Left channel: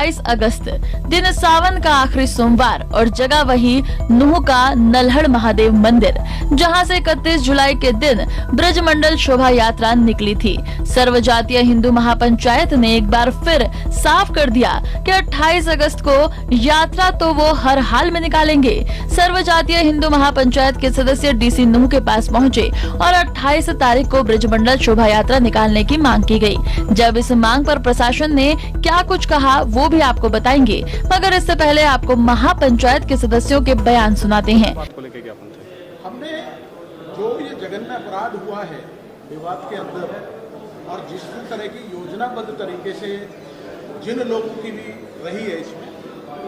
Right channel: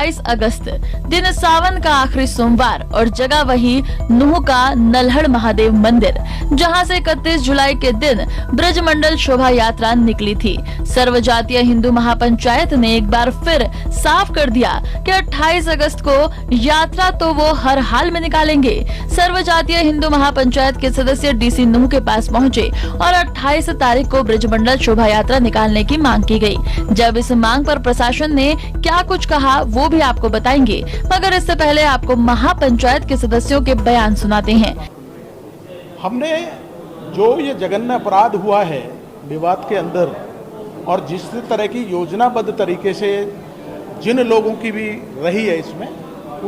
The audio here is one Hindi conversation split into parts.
28 अगस्त दिन सावन का आखिरी सोमवार और जगह वही नुह का नल्हड़ महादेव मंदिर, जहां से 31 जुलाई के दिन ब्रजमंडल शोभा यात्रा निकली थी। सर्व जातीय हिंदू महापंचायत ने एक बार फिर साफ कर दिया कि 28 अगस्त को यात्रा तो वो हर हाल में निकालेंगे। सर्व जातीय हिंदू महापंचायत के सदस्य डीसी नुह के पास पहुंचे और 28 तारीख को ब्रजमंडल शोभा यात्रा निकालने की मांग की गई। जब इस मांग पर प्रशासन ने क्या कुछ कहा वो भी आपको बताएंगे, मगर इससे पहले आपको महापंचायत के सदस्यों के बयान सुनाते हैं। हमने जो ये जघन्य अपराध हुआ है विवाद के अंदर और जिस तरह की योजनाबद्ध तरीके से जिन लोगों की भी रही है इसमें,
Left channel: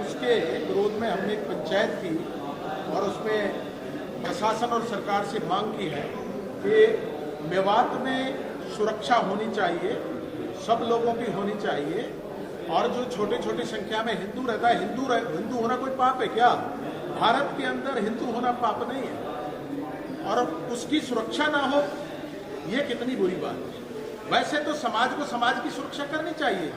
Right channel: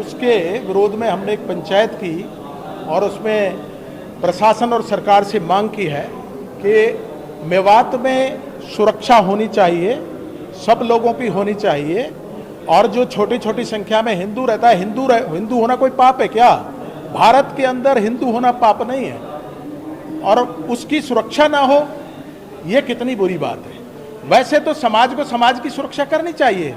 उसके विरोध में हमने एक पंचायत की और उसमें प्रशासन और सरकार से मांग की है कि मेवात में सुरक्षा होनी चाहिए, सब लोगों की होनी चाहिए। और जो छोटी छोटी संख्या में हिंदू रहता है, हिंदू होना कोई पाप है क्या? भारत के अंदर हिंदू होना पाप नहीं है, और उसकी सुरक्षा ना हो ये कितनी बुरी बात है। वैसे तो समाज को समाज की सुरक्षा करनी चाहिए,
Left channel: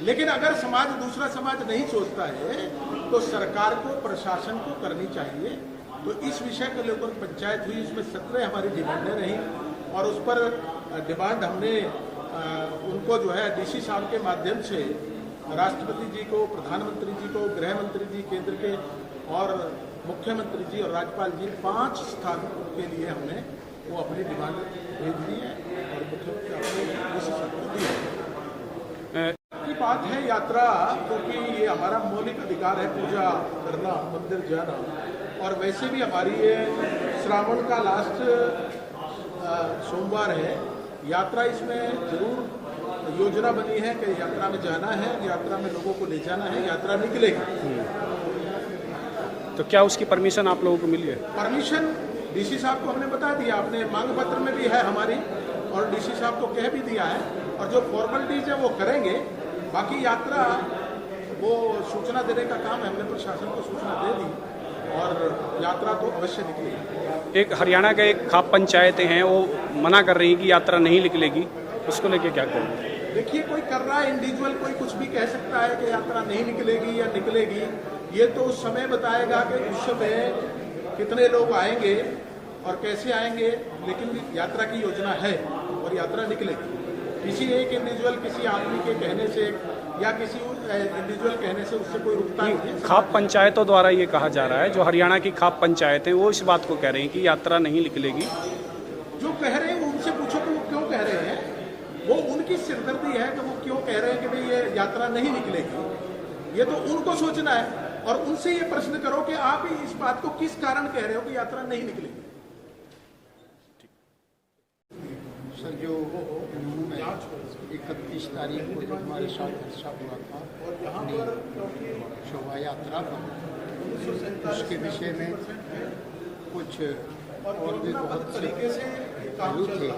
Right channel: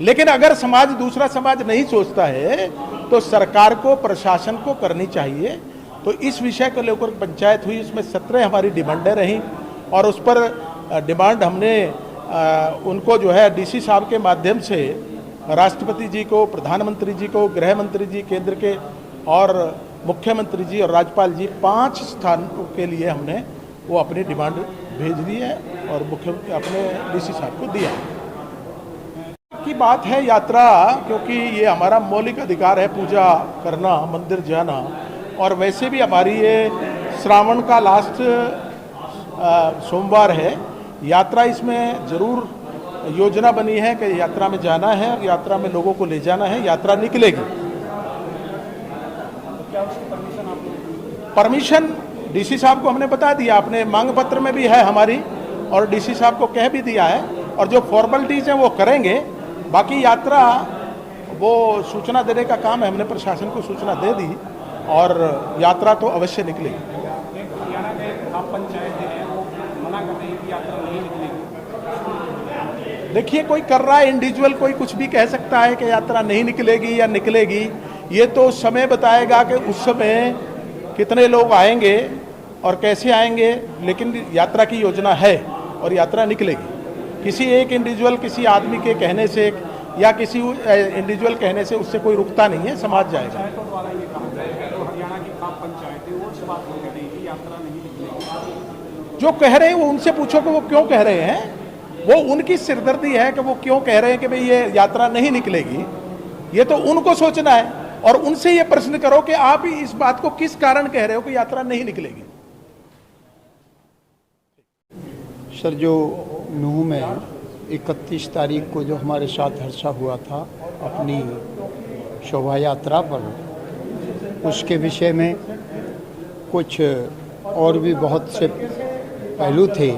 लेकिन अगर समाज दूसरा समाज नहीं सोचता है तो सरकार को, प्रशासन को करनी चाहिए। तो इस विषय को लेकर पंचायत हुई, इसमें 17 हमारी डिमांडें रहीं और उस पर डिमांड हमने उनको जो है डीसी साहब के माध्यम से राष्ट्रपति जी को, प्रधानमंत्री जी को, गृह मंत्री जी केंद्र के और मुख्यमंत्री जी और राज्यपाल जी 5 स्थानों के लिए हमने वो अपनी डिमांड भेज दी है और मुख्यमंत्री अपने डीसी साहब को दिया की बात है। यात्रा, क्योंकि ये हमारा मौलिक अधिकार है पूजा करना, मंदिर जाना, और वैसे भी हमारी ये श्रावण का लास्ट सोमवार है। यात्रा इसमें जरूर योजना बनी है कि यात्रा में जाना है, यात्रा में लोगों को ले जाना है, यात्रा निकलेगी। तो क्या उसकी परमिशन आप लोगों को मिली है? परमिशन डीसी साहब को हमने बता दिया, अपने मांग पत्र में भी है हमारी, और डीसी साहब को कह भी दिया है, और जो फॉर्मेलिटीज हैं वो करेंगे। बाकी यात्रा वो सूचना देने का काम है, हमने प्रशासन को सूचना दे दी और यात्रा तो अवश्य निकलेगी। एक हरियाणा के एक खाप पंचायतें हैं वो मना कर रही कि यात्रा नहीं निकलेगी, उसको लेके क्या करें? देखिए, कोई कर रहा है इंडिविजुअल, कोई कुछ भी कह सकता है कि यात्रा नहीं निकलेगी या निकलेगी। ये तो समय बताएगा कि उस समय कितने लोग आएंगे और कैसे आएंगे, लेकिन यात्रा की योजना है और यात्रा निकलेगी। किसी एक इंडिविजुअल, किसी आदमी के कहने से या किसी इंडिविजुअल कहने से उससे कोई रुकता नहीं है। खाप पंचायतों द्वारा ये कहा जा रहा है, जो हरियाणा की खाप पंचायत है वो इस बात को कह रही है कि यात्रा नहीं निकलेगी। जो कह रहे हैं वो उनसे पूछो कि वो क्यों कह रहे हैं। वो उनकी सिरदर्दी है कि वो क्यों कह रहे हैं कि भाई ये यात्रा नहीं निकलेगी। ये तो उनको सोचना है, और उनसे ये प्रश्न करो कि आप इस बात को किस कारण कह रहे हो कि यात्रा नहीं निकलेगी। सर, जो नूह में 31 तारीख को जो हमारे साथ हादसा हुआ था अपनी शोभा यात्रा पर, उसके विषय में कुछ और भी बहुत से पहलू थे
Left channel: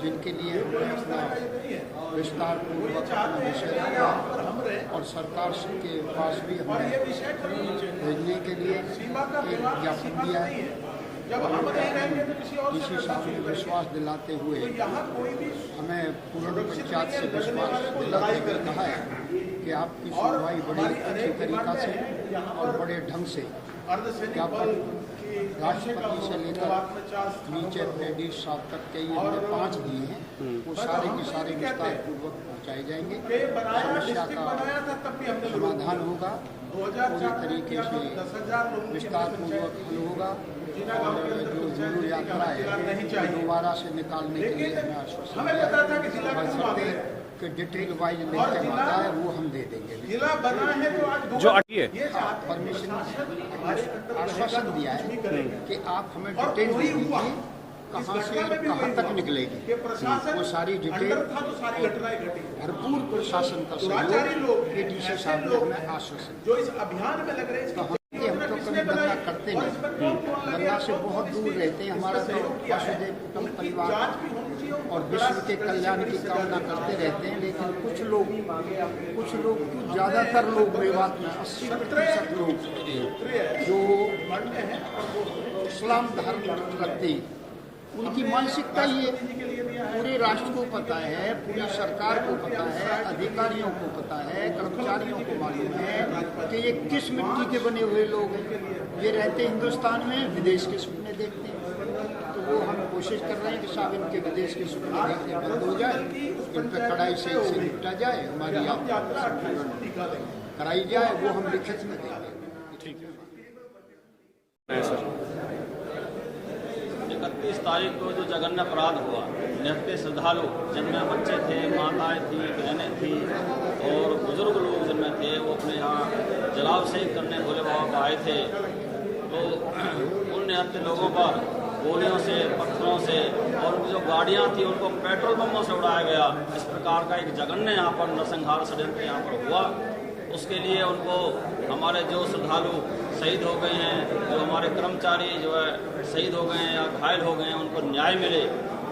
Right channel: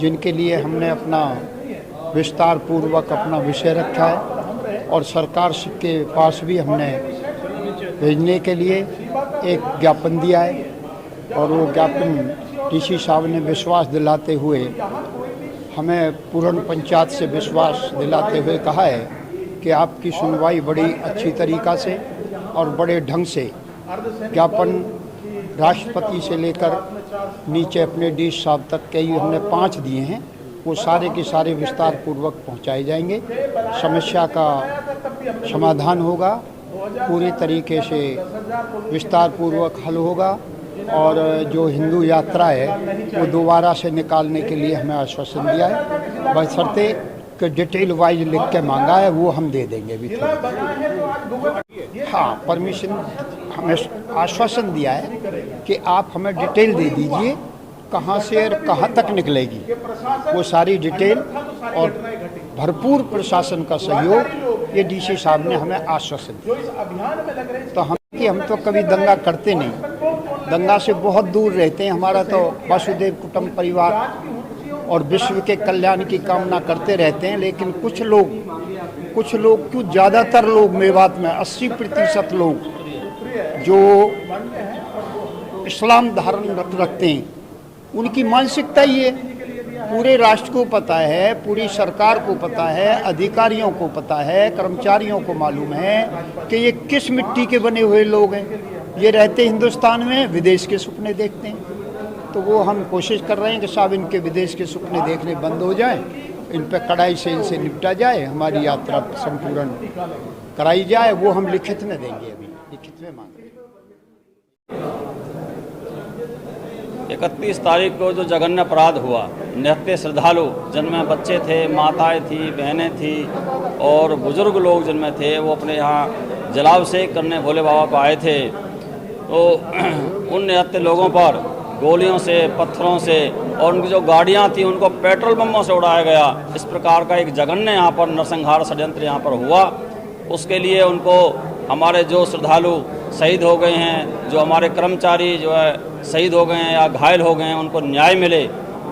जिनके लिए हमने अपना विस्तार पूर्वक अपना विषय रखा है, और सरकार के पास भी हमने भेजने के लिए एक ज्ञापन दिया है। और वो ज्ञापन डीसी साहब ने विश्वास दिलाते हुए, हमें पूर्ण पंचायत से विश्वास दिलाते हुए कहा है कि आपकी सुनवाई बड़ी अच्छी तरीक़ा से और बड़े ढंग से ज्ञापन राष्ट्रपति से लेकर नीचे अपने डीसी साहब तक के ही हमने 5 दिए हैं, वो सारे के सारे विस्तार पूर्वक पहुंचाए जाएंगे। समस्या का समाधान होगा, पूरी तरीके से विस्तार पूर्वक हल होगा, और जो हिंदू यात्रा है वो दोबारा से निकालने के लिए हमें आश्वासन दिया है। बशर्ते कि डिटेल वाइज लिख के मांगा है वो हम दे देंगे भी। जो हाँ, परमिशन हमें आश्वासन दिया है कि आप हमें डिटेल दे दीजिए कहाँ से और कहाँ तक निकलेगी, वो सारी डिटेल और भरपूर प्रशासन का सहयोग ये डीसी साहब ने हमें आश्वासन दिया। तो हम तो कभी दंगा करते नहीं, दंगा से बहुत दूर रहते हैं। हमारा तो वसुधैव कुटुंब परिवार और विश्व के कल्याण की कामना करते रहते हैं। लेकिन कुछ लोग क्यों, ज़्यादातर लोग मेवात में 80% लोग जो इस्लाम धारण रखते हैं, उनकी मानसिकता ये पूरे राष्ट्र को पता है, पूरी सरकार को पता है, अधिकारियों को पता है, कर्मचारियों को मालूम है कि ये किस मिट्टी के बने हुए लोग हैं। ये रहते हिंदुस्तान में, विदेश के सपने देखते हैं। तो वो हम कोशिश कर रहे हैं कि साहब इनके विदेश के सपने देखने बंद हो जाए, इन पर कड़ाई से इनसे निपटा जाए, हमारी यात्रा संपूर्ण कराई जाए। वो हम लिखित में देंगे, लिखित में मांग। 31 तारीख को जो जघन्य अपराध हुआ, निहत्थे श्रद्धालु जिनमें बच्चे थे, माताएं थी, बहनें थी और बुजुर्ग लोग जिनमें थे, वो अपने यहाँ जलाभिषेक करने भोले बाबा को आए थे। तो उन निहत्थे लोगों पर गोलियों से, पत्थरों से और उनकी जो गाड़ियाँ थी उनको पेट्रोल बमों से उड़ाया गया। इस प्रकार का एक जघन्य यहाँ पर नरसंहार षड्यंत्र यहाँ पर हुआ। उसके लिए उनको हमारे जो श्रद्धालु शहीद हो गए हैं, जो हमारे कर्मचारी जो है शहीद हो गए हैं या घायल हो गए हैं, उनको न्याय मिले,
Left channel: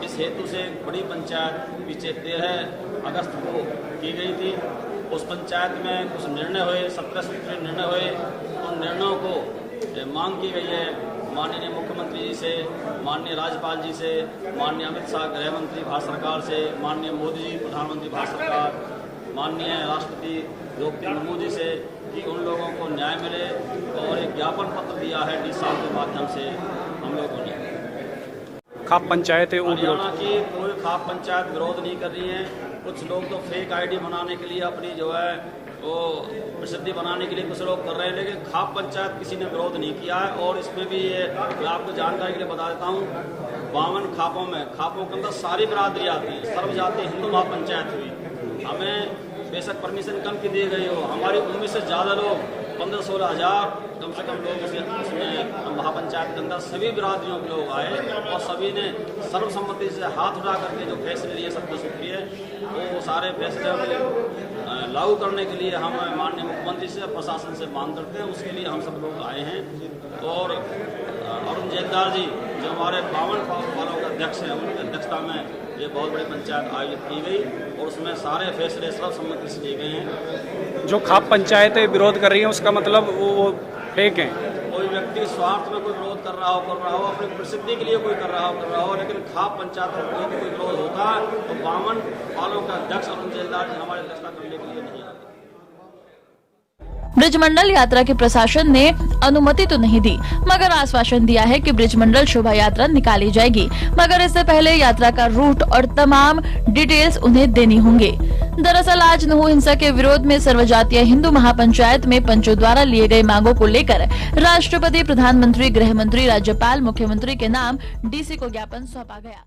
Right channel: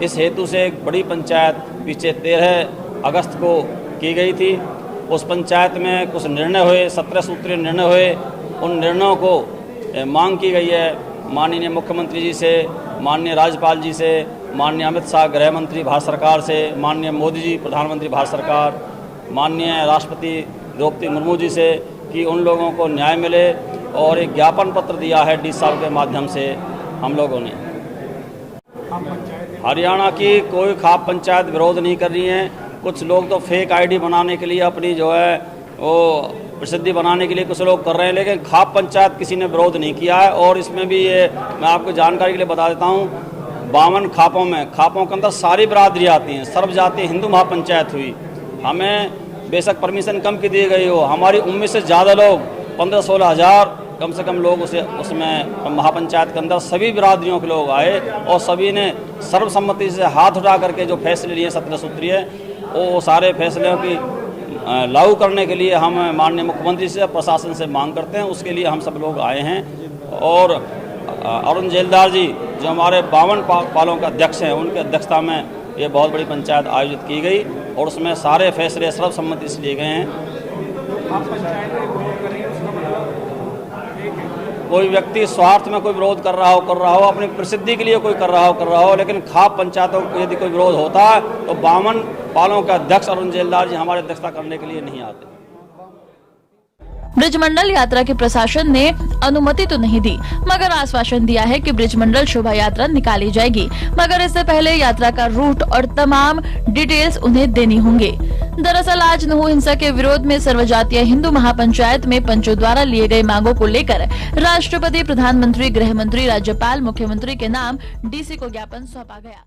इस हेतु से एक बड़ी पंचायत पीछे 13 अगस्त को की गई थी। उस पंचायत में कुछ निर्णय हुए, 17 सूत्रीय निर्णय हुए। उन निर्णयों को मांग की गई है माननीय मुख्यमंत्री जी से, माननीय राज्यपाल जी से, माननीय अमित शाह गृह मंत्री भारत सरकार से, माननीय मोदी जी प्रधानमंत्री भारत सरकार, माननीय राष्ट्रपति द्रौपदी मुर्मू जी से कि उन लोगों को न्याय मिले। और एक ज्ञापन पत्र दिया है डी साहब के माध्यम से हम लोगों ने। खाप पंचायत है, हरियाणा की कोई खाप पंचायत विरोध नहीं कर रही है। कुछ लोग तो फेक आईडी बनाने के लिए अपनी जो है वो प्रसिद्धि बनाने के लिए कुछ लोग कर रहे हैं, लेकिन खाप पंचायत किसी ने विरोध नहीं किया है। और इसमें भी ये मैं आपको जानकारी के लिए बता देता हूँ, 52 खापों में, खापों के अंदर सारी बिरादरी आती हैं। सर्वजातीय हिंदू महापंचायत हुई। हमें बेशक परमिशन कम की दी गई हो, हमारी उम्मीद से ज़्यादा लोग 15-16 हज़ार कम से कम लोग उसमें महापंचायत के अंदर सभी बिरादरियों के लोग आए और सभी ने सर्वसम्मति से हाथ उठा करके जो फैसले लिए 17 सूत्रीय, वो सारे फैसलों की लागू करने के लिए हम माननीय मुख्यमंत्री से, प्रशासन से मांग करते हैं। उसके लिए हम सब लोग आए हैं। और अरुण जेलदार जी जो हमारे 52 पालों के अध्यक्ष हैं, उनकी अध्यक्षता में ये बहुत बड़ी पंचायत आयोजित की गई और उसमें सारे फैसले सर्वसम्मति से लिए गए हैं। जो खाप पंचायतें विरोध कर रही हैं उसका मतलब वो फेक है। कोई व्यक्ति स्वार्थ में कोई विरोध कर रहा हो, अपनी प्रसिद्धि के लिए कोई कर रहा हो, लेकिन खाप पंचायतों को यदि कोई विरोध होता है तो 52 पालों का अध्यक्ष अरुण जेलदार जी हमारे अध्यक्षता करने के लिए नहीं आते। ब्रिजमंडल यात्रा के प्रशासन ने अनुमति तो नहीं दी, मगर आश्वासन दिया है कि ब्रिजमंडल शोभा यात्रा निकाली जाएगी, मगर इससे पहले यात्रा का रूट और तमाम डिटेल्स उन्हें देनी होंगे। दरअसल आज नुहू हिंसा के विरोध में सर्वजातीय हिंदू महापंचायत में पंचों द्वारा लिए गए मांगों को लेकर राष्ट्रपति, प्रधानमंत्री, गृह मंत्री, राज्यपाल, मुख्यमंत्री के नाम डीसी को ज्ञापन सौंपा गया।